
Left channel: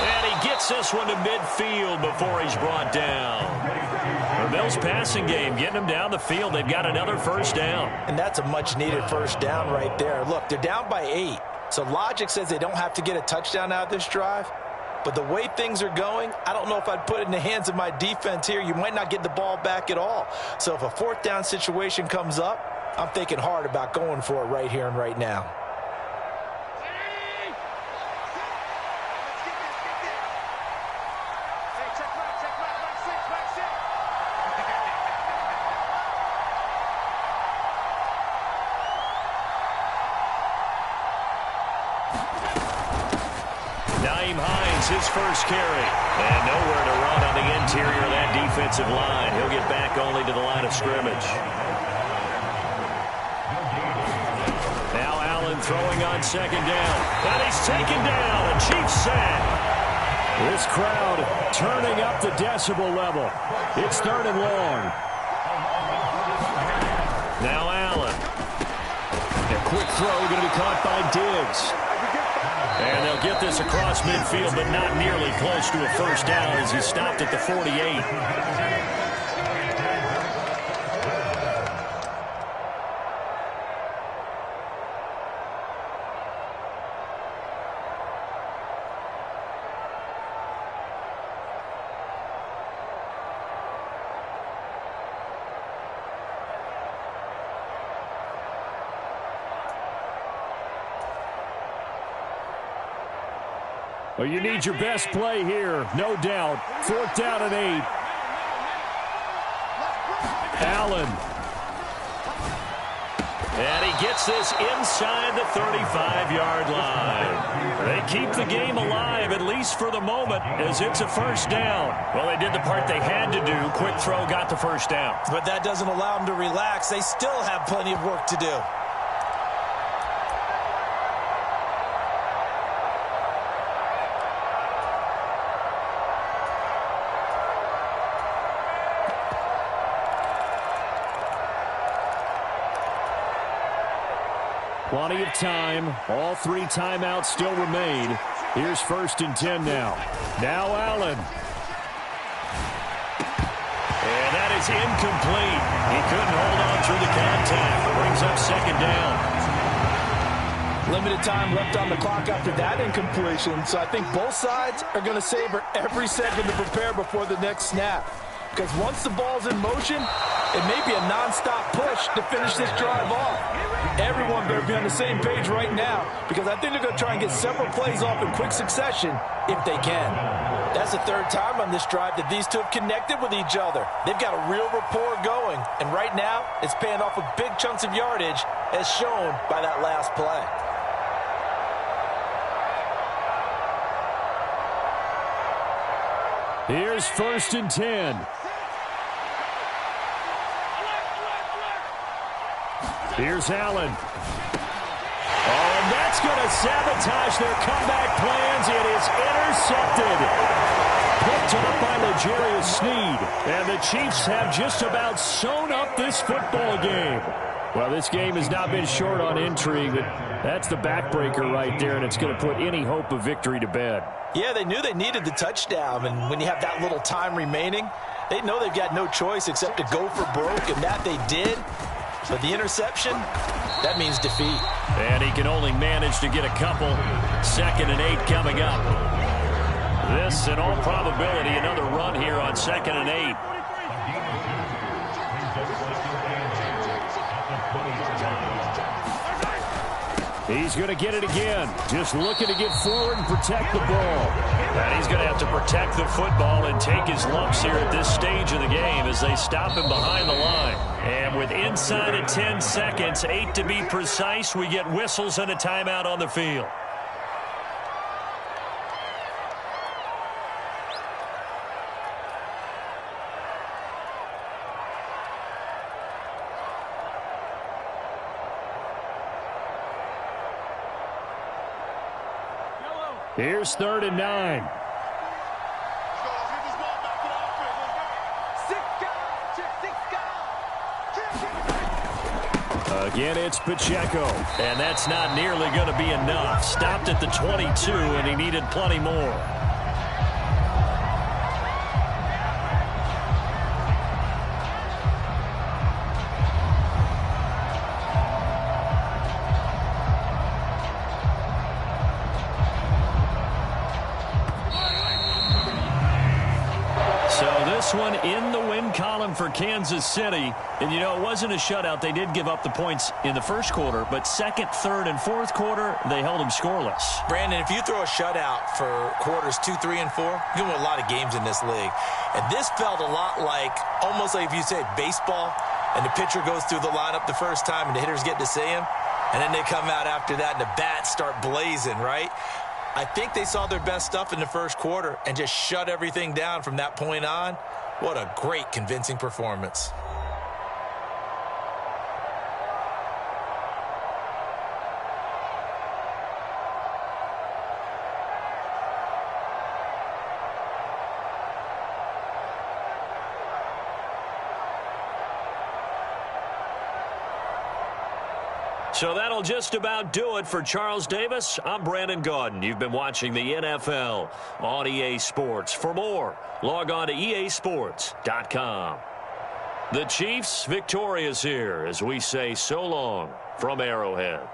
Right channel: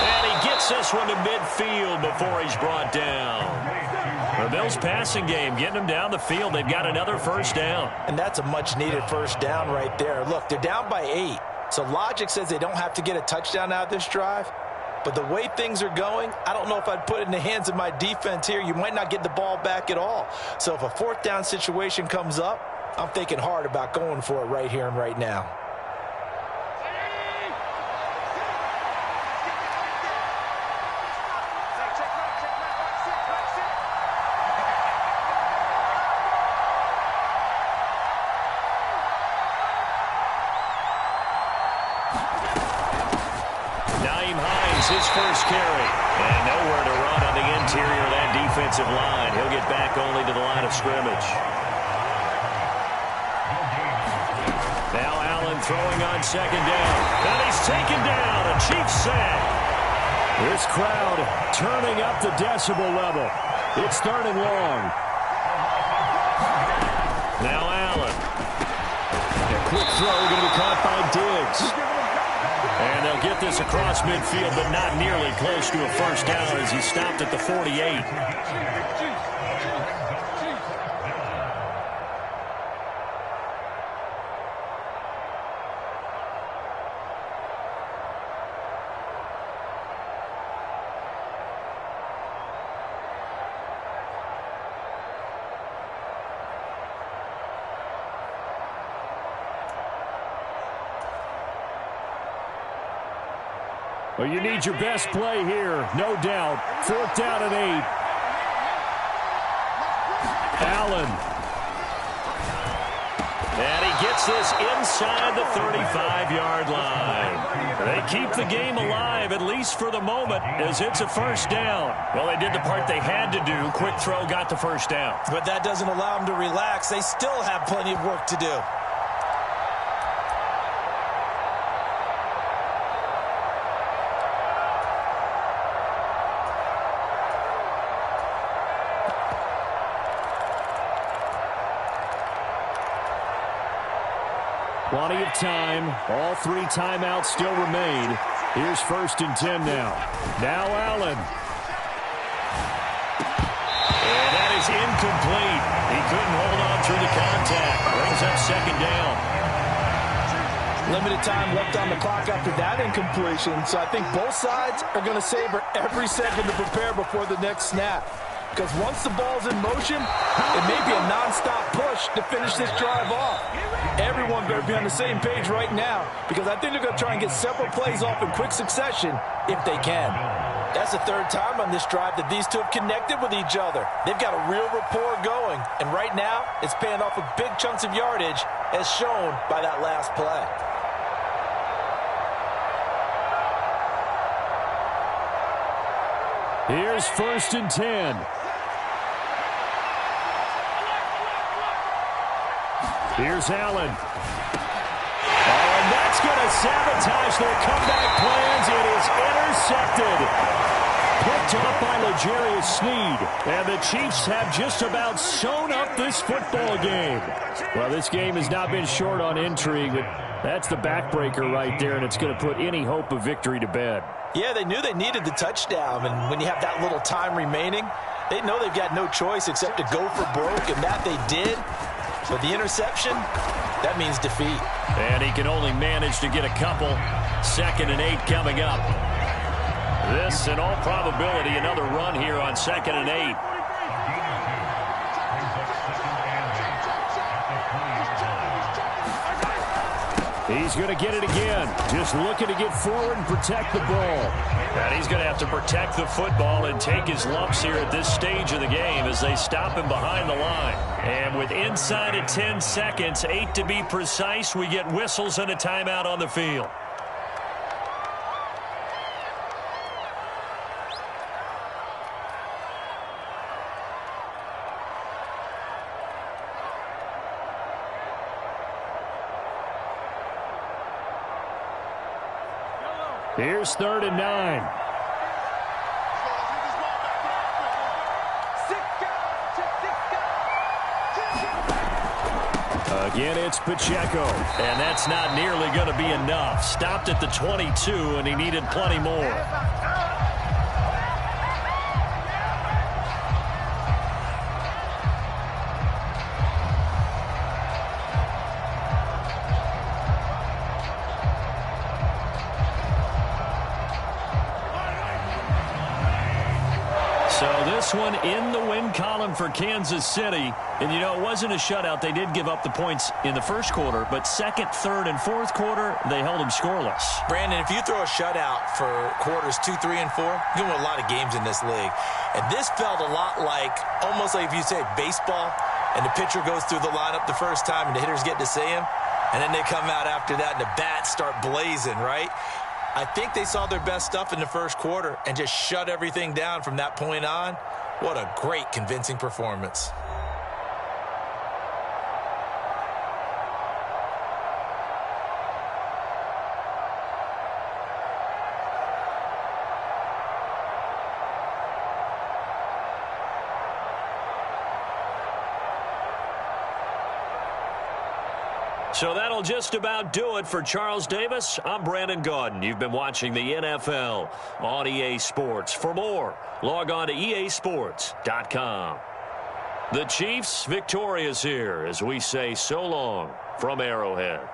And he gets this one to midfield before he's brought down. The Bills passing game, getting them down the field. They've got another first down. And that's a much-needed first down right there. Look, they're down by 8. So logic says they don't have to get a touchdown out of this drive. But the way things are going, I don't know if I'd put it in the hands of my defense here. You might not get the ball back at all. So if a fourth down situation comes up, I'm thinking hard about going for it right here and right now. His first carry, and nowhere to run on the interior of that defensive line. He'll get back only to the line of scrimmage. Now Allen throwing on second down, and he's taken down. A Chiefs sack. This crowd turning up the decibel level. It's third and long. Now Allen. A quick throw going to be caught by Diggs. And they'll get this across midfield, but not nearly close to a first down as he stopped at the 48. Well, you need your best play here, no doubt. Fourth down and 8. Allen. And he gets this inside the 35-yard line. They keep the game alive, at least for the moment, as it's a first down. Well, they did the part they had to do. Quick throw got the first down. But that doesn't allow them to relax. They still have plenty of work to do. Plenty of time. All 3 timeouts still remain. Here's 1st and 10 now. Now Allen. And that is incomplete. He couldn't hold on through the contact. Brings up 2nd down. Limited time left on the clock after that incompletion, so I think both sides are going to savor every second to prepare before the next snap. Because once the ball's in motion, it may be a nonstop push to finish this drive off. Everyone better be on the same page right now, because I think they're going to try and get several plays off in quick succession if they can. That's the 3rd time on this drive that these two have connected with each other. They've got a real rapport going, and right now it's paying off with big chunks of yardage, as shown by that last play. Here's 1st and 10. Here's Allen. Oh, and that's going to sabotage their comeback plans. It is intercepted. Picked off by L'Jarius Sneed. And the Chiefs have just about sewn up this football game. Well, this game has not been short on intrigue, but that's the backbreaker right there, and it's going to put any hope of victory to bed. Yeah, they knew they needed the touchdown, and when you have that little time remaining, they know they've got no choice except to go for broke, and that they did. But the interception, that means defeat. And he can only manage to get a couple. 2nd and 8 coming up. This, in all probability, another run here on 2nd and 8. He's going to get it again. Just looking to get forward and protect the ball. And he's going to have to protect the football and take his lumps here at this stage of the game as they stop him behind the line. And with inside of 10 seconds, 8 to be precise, we get whistles and a timeout on the field. Here's 3rd and 9. Again, it's Pacheco. And that's not nearly going to be enough. Stopped at the 22, and he needed plenty more. So this one in the win column for Kansas City. And, you know, it wasn't a shutout. They did give up the points in the first quarter. But 2nd, 3rd, and 4th quarter, they held them scoreless. Brandon, if you throw a shutout for quarters 2, 3, and 4, you win a lot of games in this league. And this felt a lot like, almost like if you say baseball, and the pitcher goes through the lineup the first time and the hitters get to see him. And then they come out after that and the bats start blazing, right? I think they saw their best stuff in the first quarter and just shut everything down from that point on. What a great, convincing performance. So that'll just about do it for Charles Davis. I'm Brandon Gaudin. You've been watching the NFL on EA Sports. For more, log on to easports.com. The Chiefs victorious here as we say so long from Arrowhead.